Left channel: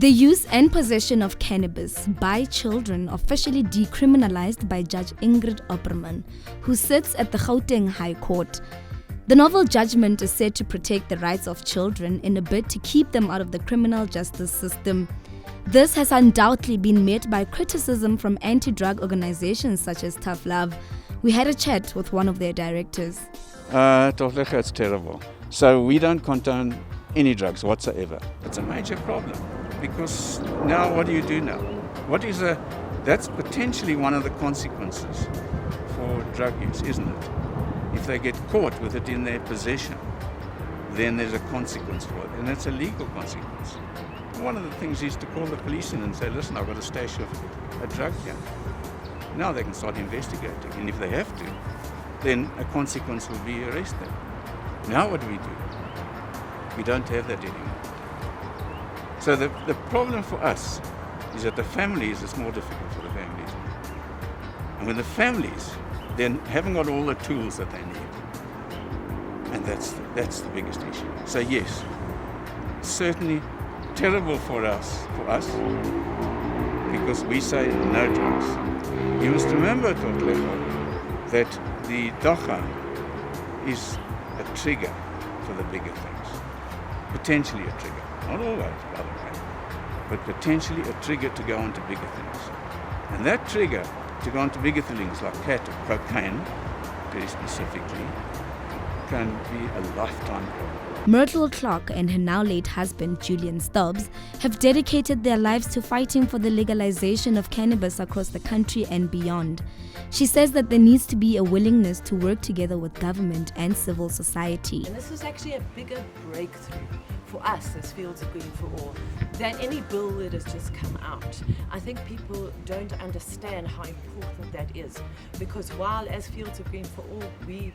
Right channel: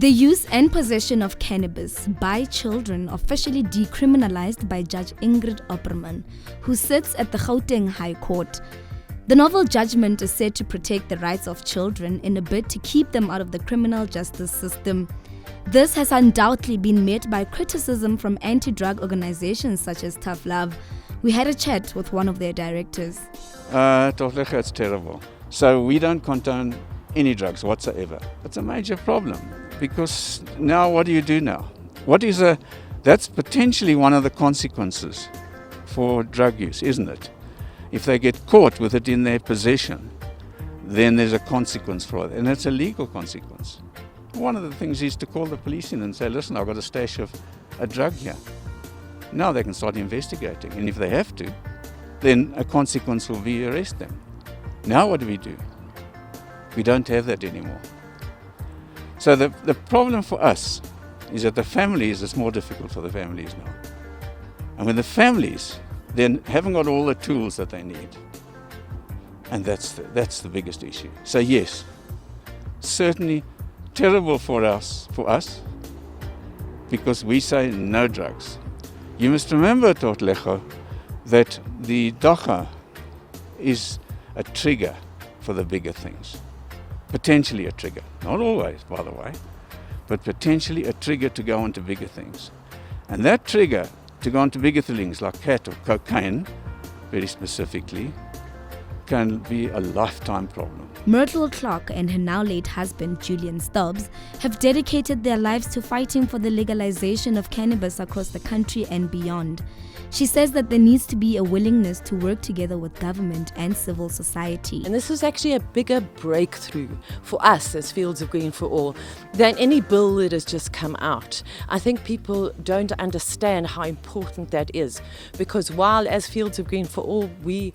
The use and possession of cannabis by children officially decriminalized by Judge Ingrid Opperman, who sits at the Gauteng High Court. The novel judgment is said to protect the rights of children in a bid to keep them out of the criminal justice system. This has undoubtedly been met by criticism from anti-drug organizations such as Tough Love. We had a chat with one of their directors. It's terrible. So we don't condone any drugs whatsoever. It's a major problem because now what do you do now? That's potentially one of the consequences for drug use, isn't it? If they get caught with it in their possession, then there's a consequence for it, and it's a legal consequence. One of the things is to call the police in and say, listen, I've got a stash of a drug here. Now they can start investigating, and if they have to, then a consequence will be arrest them. Now what do? We don't have that anymore. So the problem for us is that the families, it's more difficult for the families. And when the families then haven't got all the tools that they need, and that's the biggest issue. So yes, certainly terrible for us, because we say no drugs. You must remember, Totlecho, that the dogga is a trigger for the bigger things. Potentially a trigger, not always, by the way, but potentially a trigger to go on to bigger things. And that trigger to go on to bigger things like cat or cocaine, very specifically, can be a lifetime problem. Myrtle Clark and her now late husband Julian Stubbs have dedicated their lives to fighting for the legalization of cannabis across the country and beyond. She says that there needs to be a willingness to work together with government and civil society. And this was actually a bigger breakthrough for us as Fields of Green for All than any bill that has just come out. I think people don't understand how important that is, because while as Fields of Green for All we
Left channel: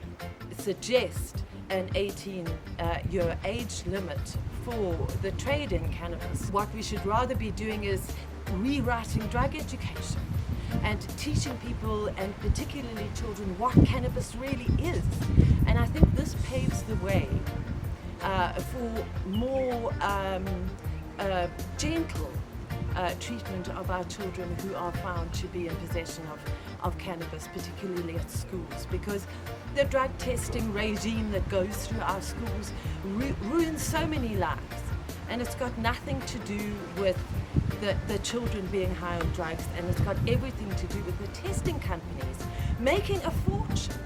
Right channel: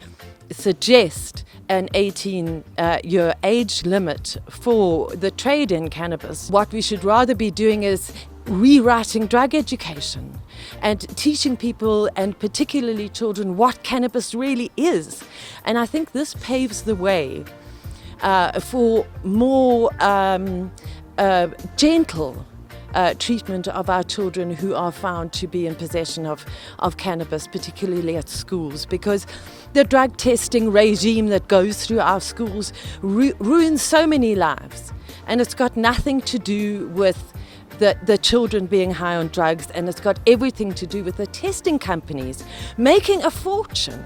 suggest an 18-year age limit for the trade in cannabis, what we should rather be doing is rewriting drug education and teaching people, and particularly children, what cannabis really is. And I think this paves the way for more gentle treatment of our children who are found to be in possession of cannabis, particularly at schools, because the drug testing regime that goes through our schools ruins so many lives, and it's got nothing to do with the children being high on drugs, and it's got everything to do with the testing companies making a fortune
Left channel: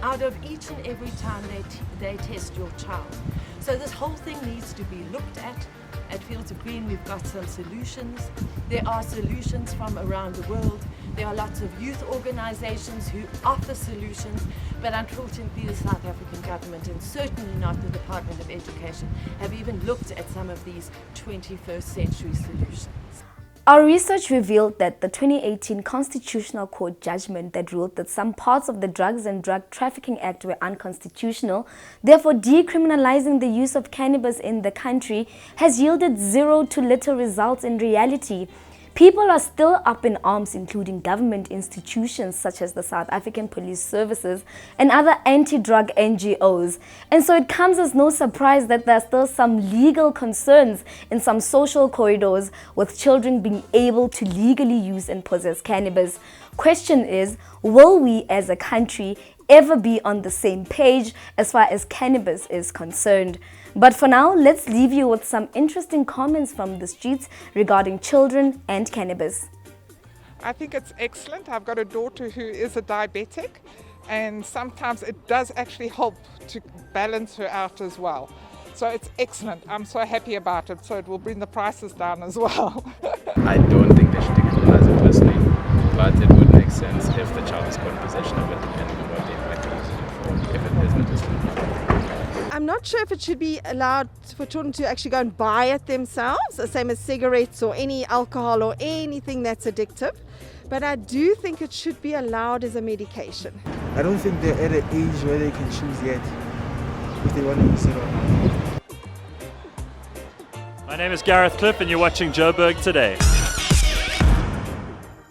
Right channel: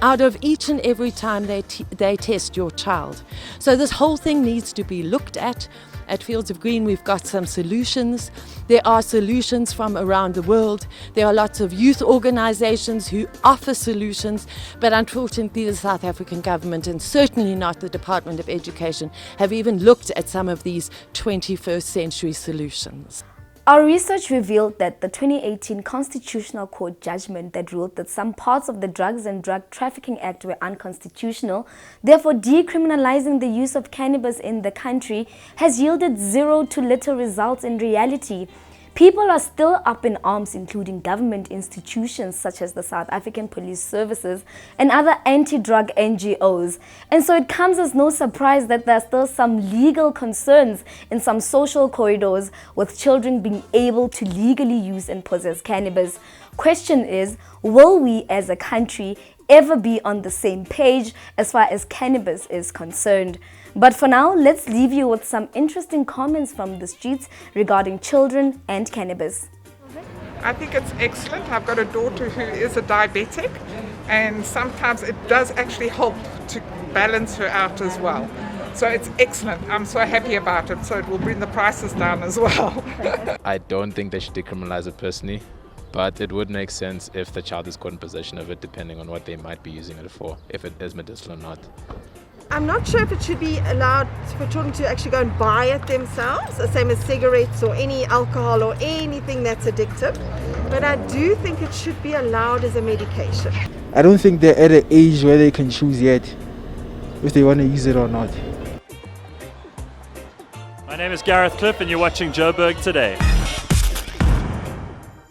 out of each and every time they test your child. So this whole thing needs to be looked at. At Fields of Green, we've got some solutions. There are solutions from around the world. There are lots of youth organizations who offer solutions, but unfortunately the South African government, and certainly not the Department of Education, have even looked at some of these 21st century solutions. Our research revealed that the 2018 Constitutional Court judgment that ruled that some parts of the Drugs and Drug Trafficking Act were unconstitutional, therefore decriminalizing the use of cannabis in the country, has yielded zero to little results in reality. People are still up in arms, including government institutions such as the South African Police Services and other anti-drug NGOs. And so it comes as no surprise that there are still some legal concerns in some social corridors with children being able to legally use and possess cannabis. Question is, will we as a country ever be on the same page as far as cannabis is concerned? But for now, let's leave you with some interesting comments from the streets regarding children and cannabis. I think it's excellent. I've got a daughter who is a diabetic, and sometimes it does actually help to balance her out as well. So it's excellent. I'm so happy about it. So it will bring the prices down as well. I don't think they should decriminalize it personally, but it would make sense if the child is caught in possession of it, depending on what they might be using it for, if it is medicinal or not. I'm not sure if it should be allowed for children to actually go and buy it themselves, the same as cigarettes or any alcohol or anything that's addictive. But I do think it should be allowed as a medication. I don't think they're at an age where they can choose yet if they want to use it or not. My name is Gareth Cliff and you're watching Joburgtoday.